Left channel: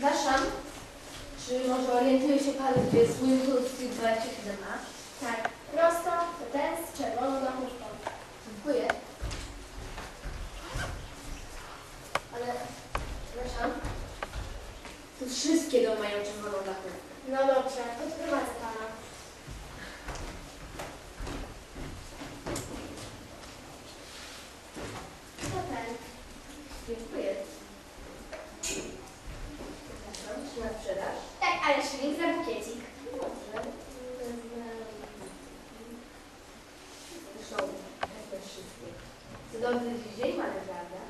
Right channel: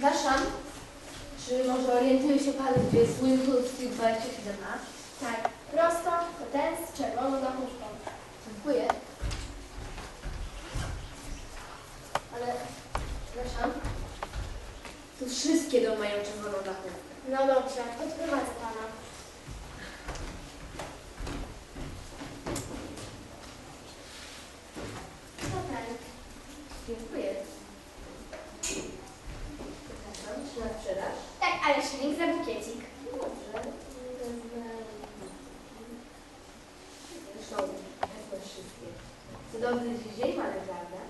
Przepraszam, czy może orientuje się Pan, gdzie jest Winfield Street 27A? Tak, prosto, to ten z czerwoną dachówką. Dziękuję. Ale, przepraszam, tu wszystkie domy mają czerwoną dachówkę. No dobrze, odprowadzę pana. To ten. Dziękuję. Przepraszam, czy na sprzedaż? Tak, ale szylik za bukiecik. Dobrze, wezmę... Zresztą, wezmę wszystkie. Cudowny dziś dzień mamy, prawda?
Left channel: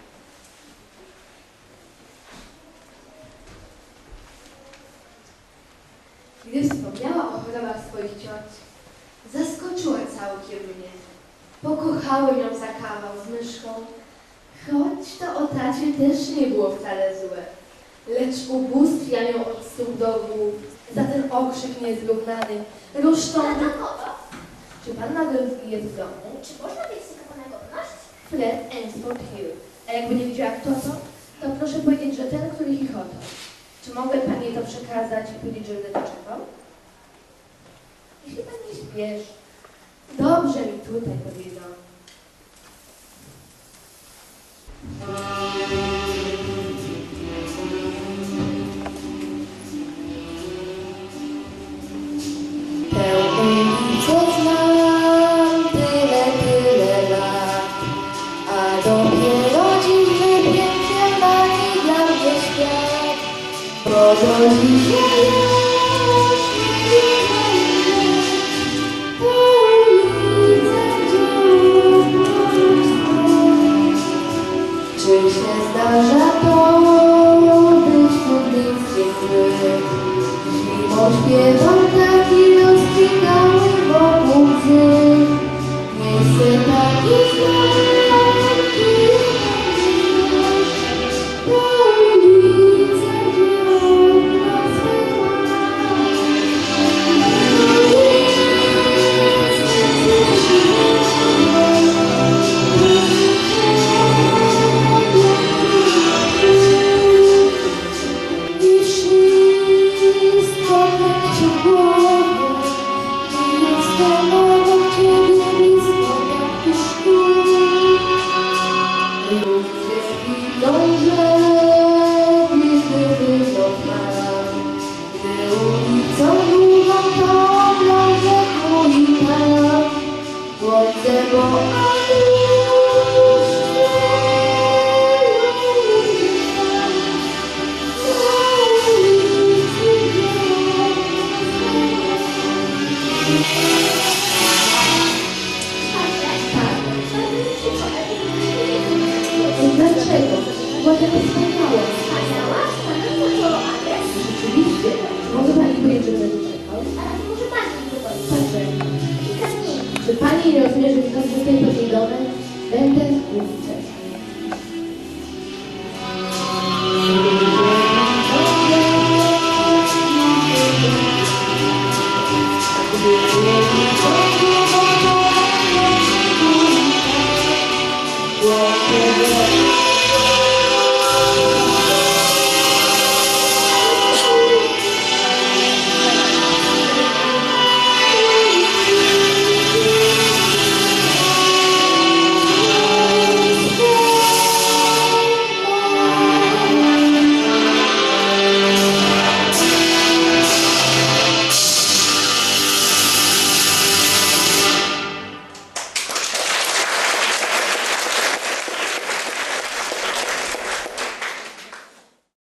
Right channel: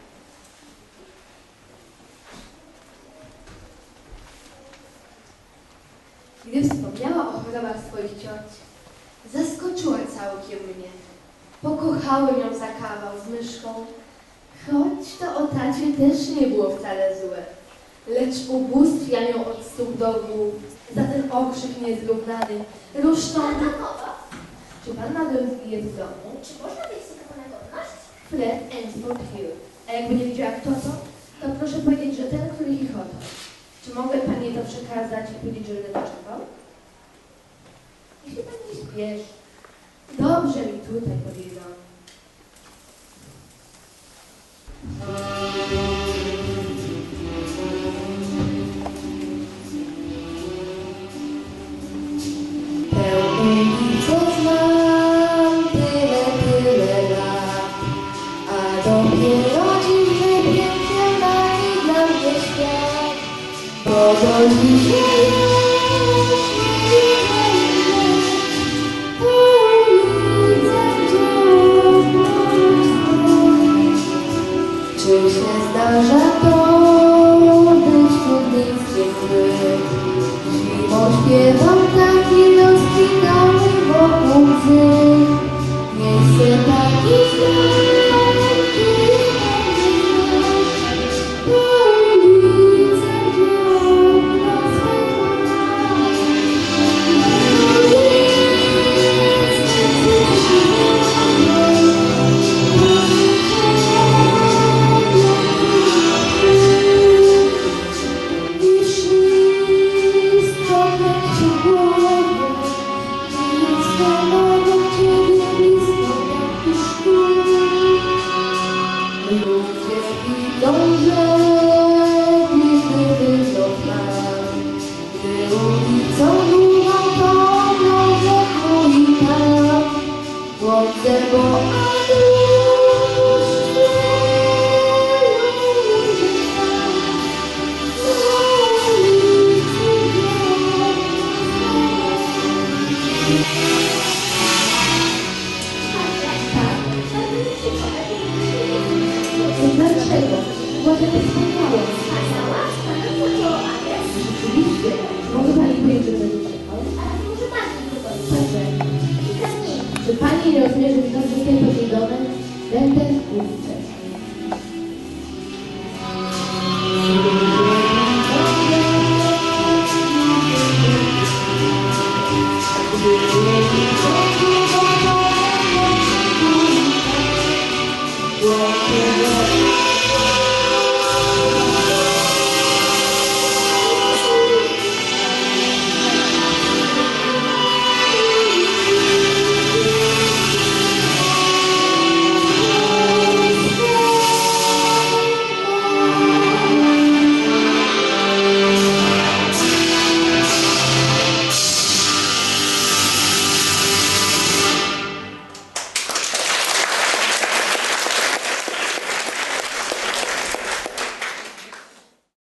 Gdy wspomniała o chorobach swoich cioci, zaskoczyła całkiem mnie. Pokochałem ją za kawał z myszką, choć to o tacie też nie było wcale złe. Lecz ubóstwiam ją od stóp do głów za ten okrzyk niezrównany. Rusztący. Czy pan Nadolski jest w domu? Czy można mieć pana godność? Fred Ainsford Hill. A jakby nie wiedziała kto to proszę powiedzieć, że ten, który chichotał. Czy mogę pani to przekazać i powiedzieć, że będę czekał? Jeśli pani nie śpieszy. Dobrze mi tutaj powiedział. Pełny co znam tyle lat, a dopiero dziś wypięknie nagi dla mnie świat, bo do dzisiaj już nie widzę po ulicach czy się zdarza to być trudnictwem złym? Zimą śpiewam taki rozkwitały wokół łzy. Nie chcę taki zlęki po ulicach, gdzie okna swe i wszystko leci w głowie, i jestem obok ciebie blisko jak tu szkół. Ludzie idą, że